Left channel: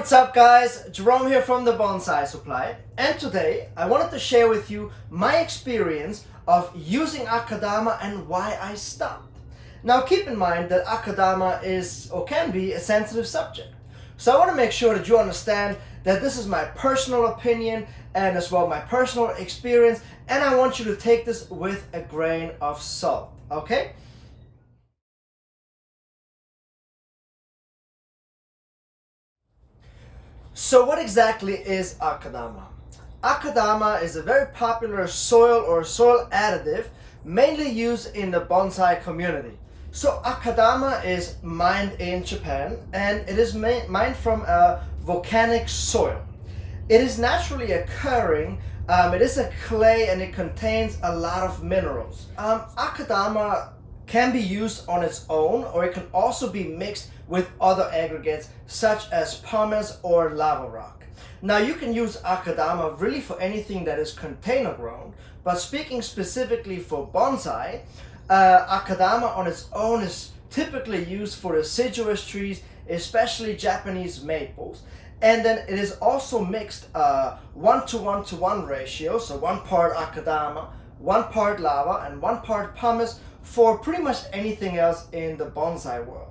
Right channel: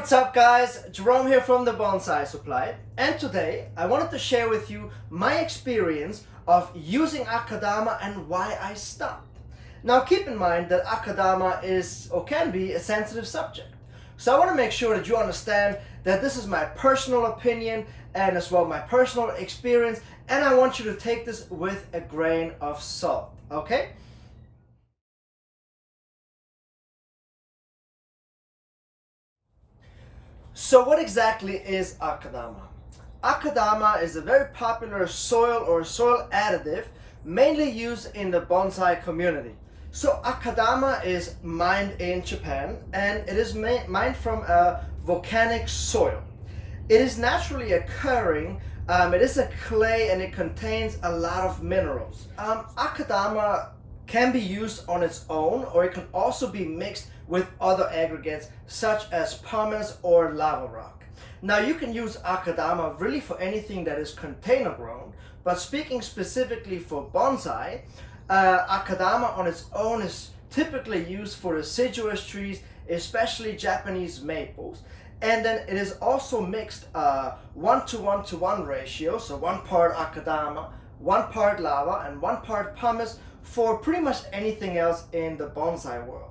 what's up guys? Jerome here from the Bonsai Supply, and today I wanted to share with you my experience of using Akadama and why I stopped. Now keep in mind that Akadama is or can be a sensitive subject. So I want to make sure that you understand that this is my personal opinion and as well my personal experience, and I want you to take this with a grain of salt, okay? So what exactly is Akadama? Akadama is a very popular soil or soil additive mainly used in the bonsai community. So Akadama is mined in Japan and it is mined from a volcanic soil. It is naturally occurring, it is a clay and it contains a lot of minerals. Akadama can be used on its own, or it can also be mixed with other aggregates such as pumice or lava rock. Now you can use Akadama really for anything that is container grown, but speaking specifically for bonsai, Akadama on its own is typically used for deciduous trees, especially Japanese maples. And then it is also mixed 1:1:1 ratio, so 1 part Akadama, 1 part lava, and 1 part pumice for pretty much anything else in the bonsai world.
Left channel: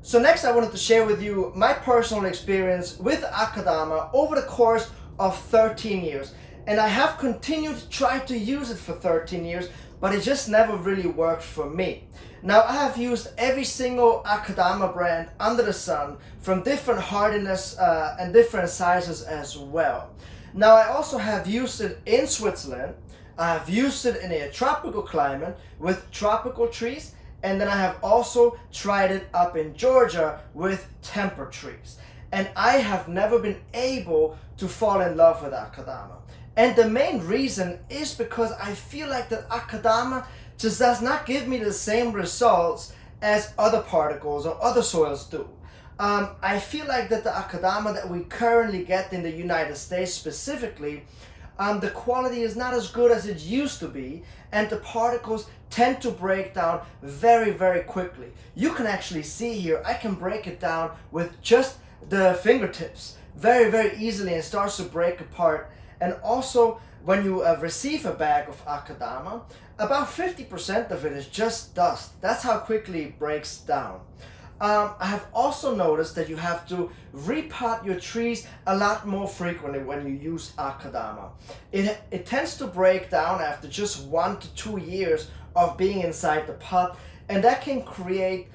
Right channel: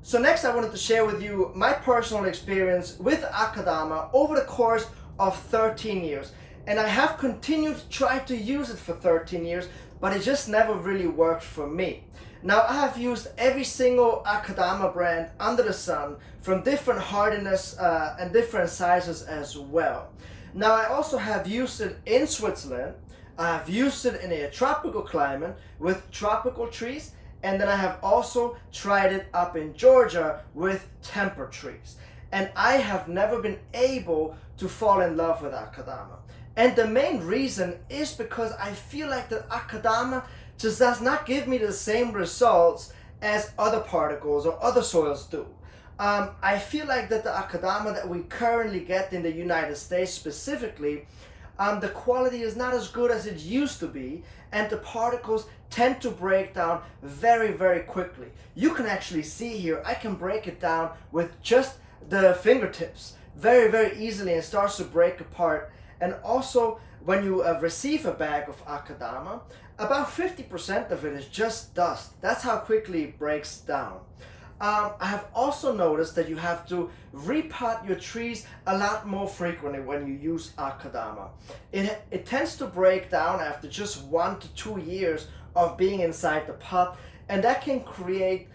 So next I wanted to share with you my personal experience with Akadama over the course of 13 years. And I have continued to try to use it for 13 years, but it just never really worked for me. Now I have used every single Akadama brand under the sun from different hardiness and different sizes as well. Now I also have used it in Switzerland, I have used it in a tropical climate with tropical trees, and then I have also tried it up in Georgia with temperate trees. And I have never been able to fall in love with Akadama. And the main reason is because I feel like that Akadama just does not give me the same results as other particles or other soils do. I feel like that the Akadama that we currently get in the United States specifically, the quality is not as good as it used to be, and the particles tend to break down very, very quickly. You can actually see here, I can break it down with just the fingertips very, very easily, and it starts to break apart. And also, when you receive a bag of Akadama, about 50% of it is just dust. That's how quickly it breaks down. I have also noticed that you have to repot your trees a lot more frequently when you use Akadama. It tends to break down after just 1 to 2 years of being inside the pot, and that can create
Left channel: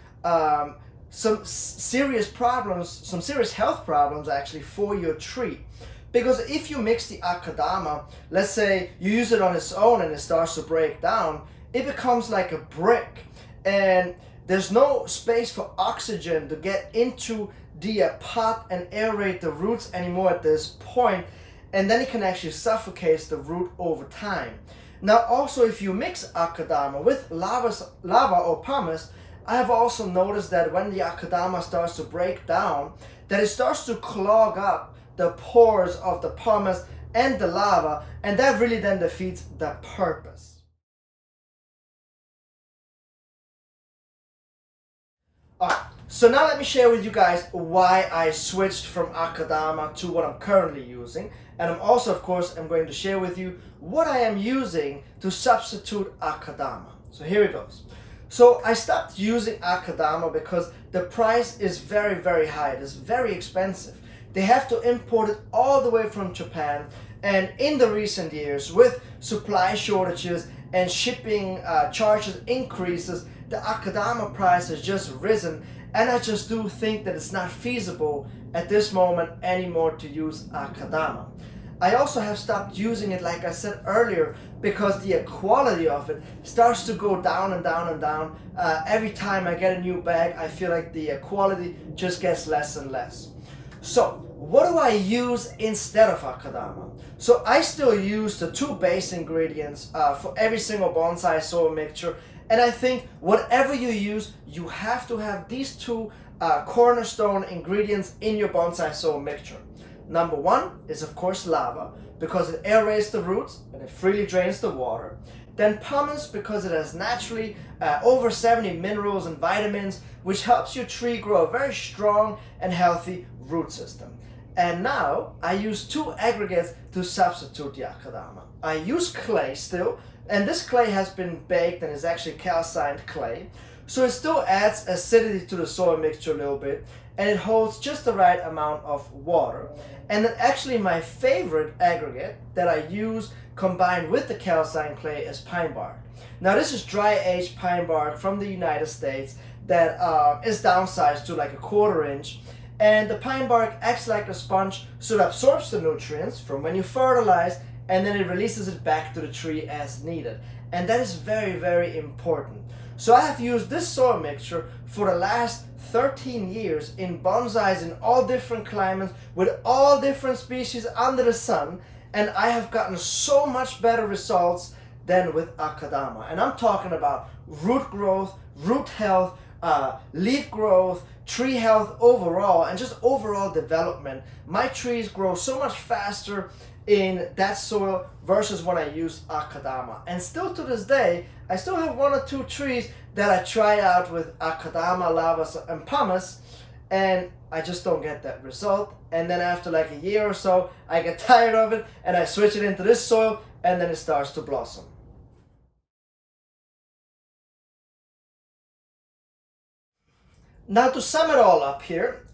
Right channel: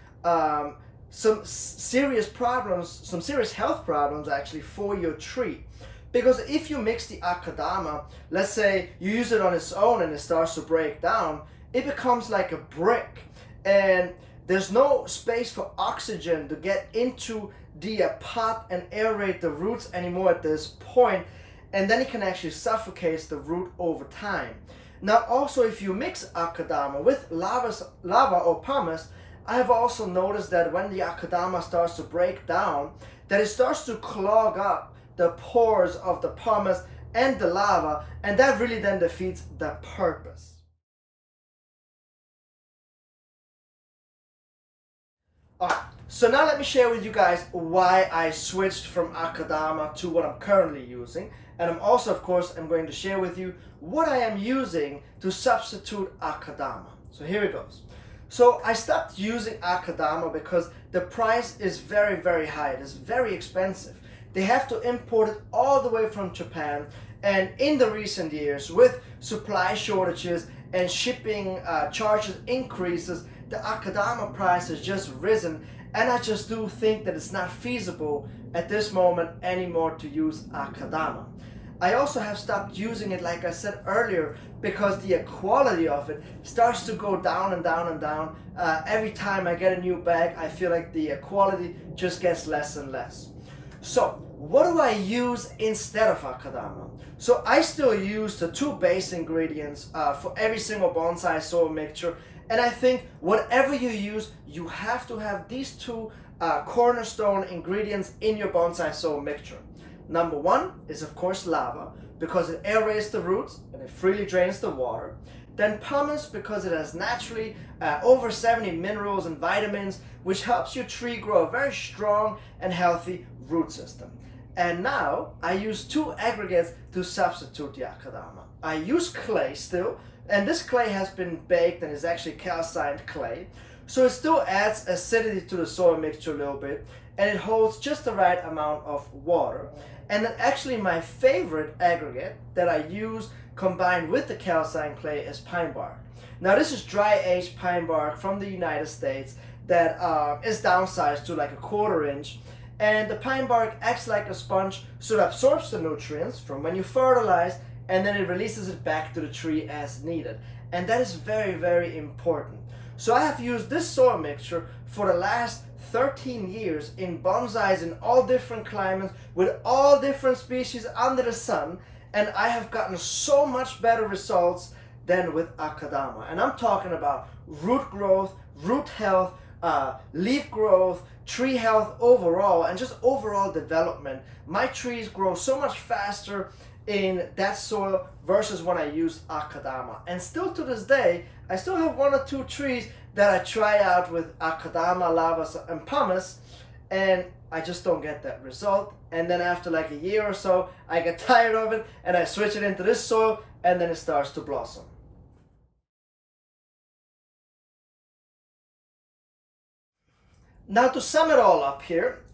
some serious problems, some serious health problems actually for your tree. Because if you mix the Akadama, let's say you use it on its own and it starts to break down, it becomes like a brick. And there's no space for oxygen to get into the pot and aerate the roots anymore at this point, and then it can actually suffocate the root over time. Now also, if you mix Akadama with lava or pumice, I have also noticed that when the Akadama starts to break down, that it starts to clog up the pores of the pumice and the lava, and that really then defeats the purpose. Alright, so now let me share with you guys why I switched from Akadama to what I'm currently using, and I'm also, of course, I'm going to share with you what I am using to substitute Akadama. So here it goes. So I stopped using Akadama because the price is very, very high. It is very expensive. They have to import it all the way from Japan, and in the recent years with supply shortages and shipping charges increases, the Akadama price has just risen, and I just do think that it's not feasible at this moment anymore to use Akadama. I also have stopped using it, like I said earlier, because the quality of it starts to go down and down and down. Every time I get a new bag, I feel like the quality just gets less and less. So what do I use instead of Akadama? So I still use the 2 base ingredients for every single bonsai soil mixture, and I think whatever you use, you have to have these 2 cornerstone ingredients in your bonsai soil mixture. Number 1 is of course lava, because it aerates the roots and it freely drains the water. then pumice because it has naturally over 70 minerals and vitamins, which helps your tree grow a very strong and healthy root system. And now I use 2 aggregates to substitute the Akadama. I use clay still, and this clay has been baked and is actually calcined clay. So it still adds acidity to the soil mixture a little bit, and it holds just the right amount of water. And then actually my favorite aggregate that I use combined with the calcined clay is pine bark. Now this is dry aged pine bark from the United States that is downsized to like a 1/4 inch. And the pine bark acts like a sponge, so it absorbs the nutrients from when you fertilize, and then it releases it back to the tree as needed. And that is very, very important. So I have used this soil mixture for the last 13 years in bonsais in all different climates with all different species under the sun, and I have gotten so much better results than with Akadama. And I'm talking about root growth, root health, leaf growth, tree health overall, and just overall development. My trees grow so much faster in that soil versus when I use Akadama. And still to this day, I still have 1 or 2 trees that I try out with Akadama, lavas, and pumice, and I just don't get that result. And then after like a year or so, I get tired of it and I switch it into this soil, and then it starts to blossom. Now to sum it all up here,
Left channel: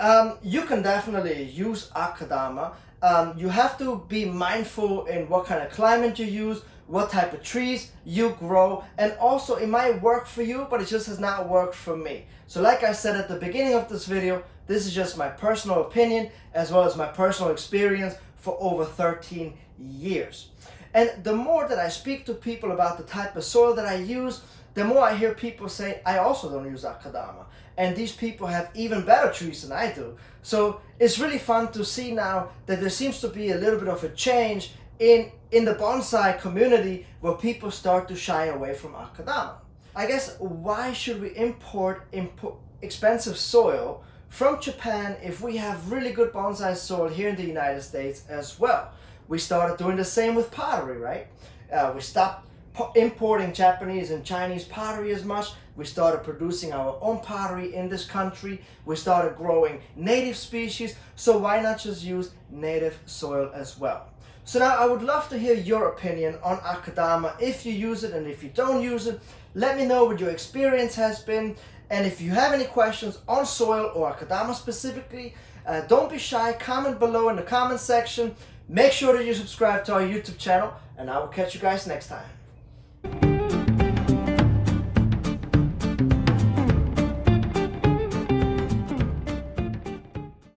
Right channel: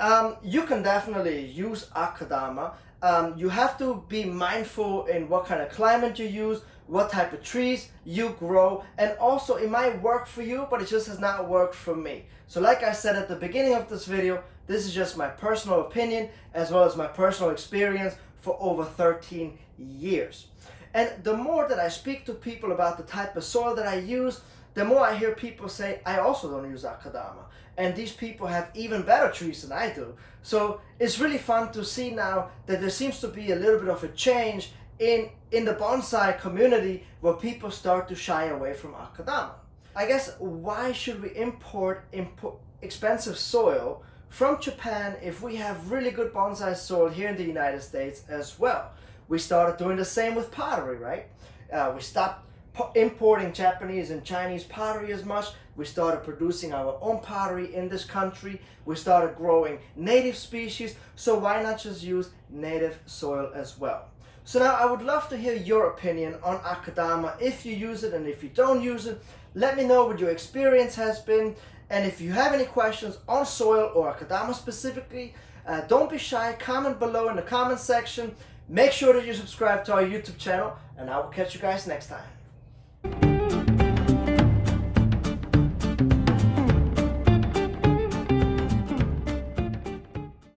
you can definitely use Akadama. You have to be mindful in what kind of climate you use, what type of trees you grow, and also it might work for you, but it just has not worked for me. So like I said at the beginning of this video, this is just my personal opinion as well as my personal experience for over 13 years. And the more that I speak to people about the type of soil that I use, the more I hear people say, I also don't use Akadama. And these people have even better trees than I do. So it's really fun to see now that there seems to be a little bit of a change in the bonsai community where people start to shy away from Akadama. I guess why should we import expensive soil from Japan if we have really good bonsai soil here in the United States as well? We started doing the same with pottery, right? We stopped importing Japanese and Chinese pottery as much. We started producing our own pottery in this country. We started growing native species. So why not just use native soil as well? So now I would love to hear your opinion on Akadama, if you use it and if you don't use it. Let me know what your experience has been. And if you have any questions on soil or Akadama specifically, don't be shy. Comment below in the comment section. Make sure that you subscribe to our YouTube channel, and I will catch you guys next time.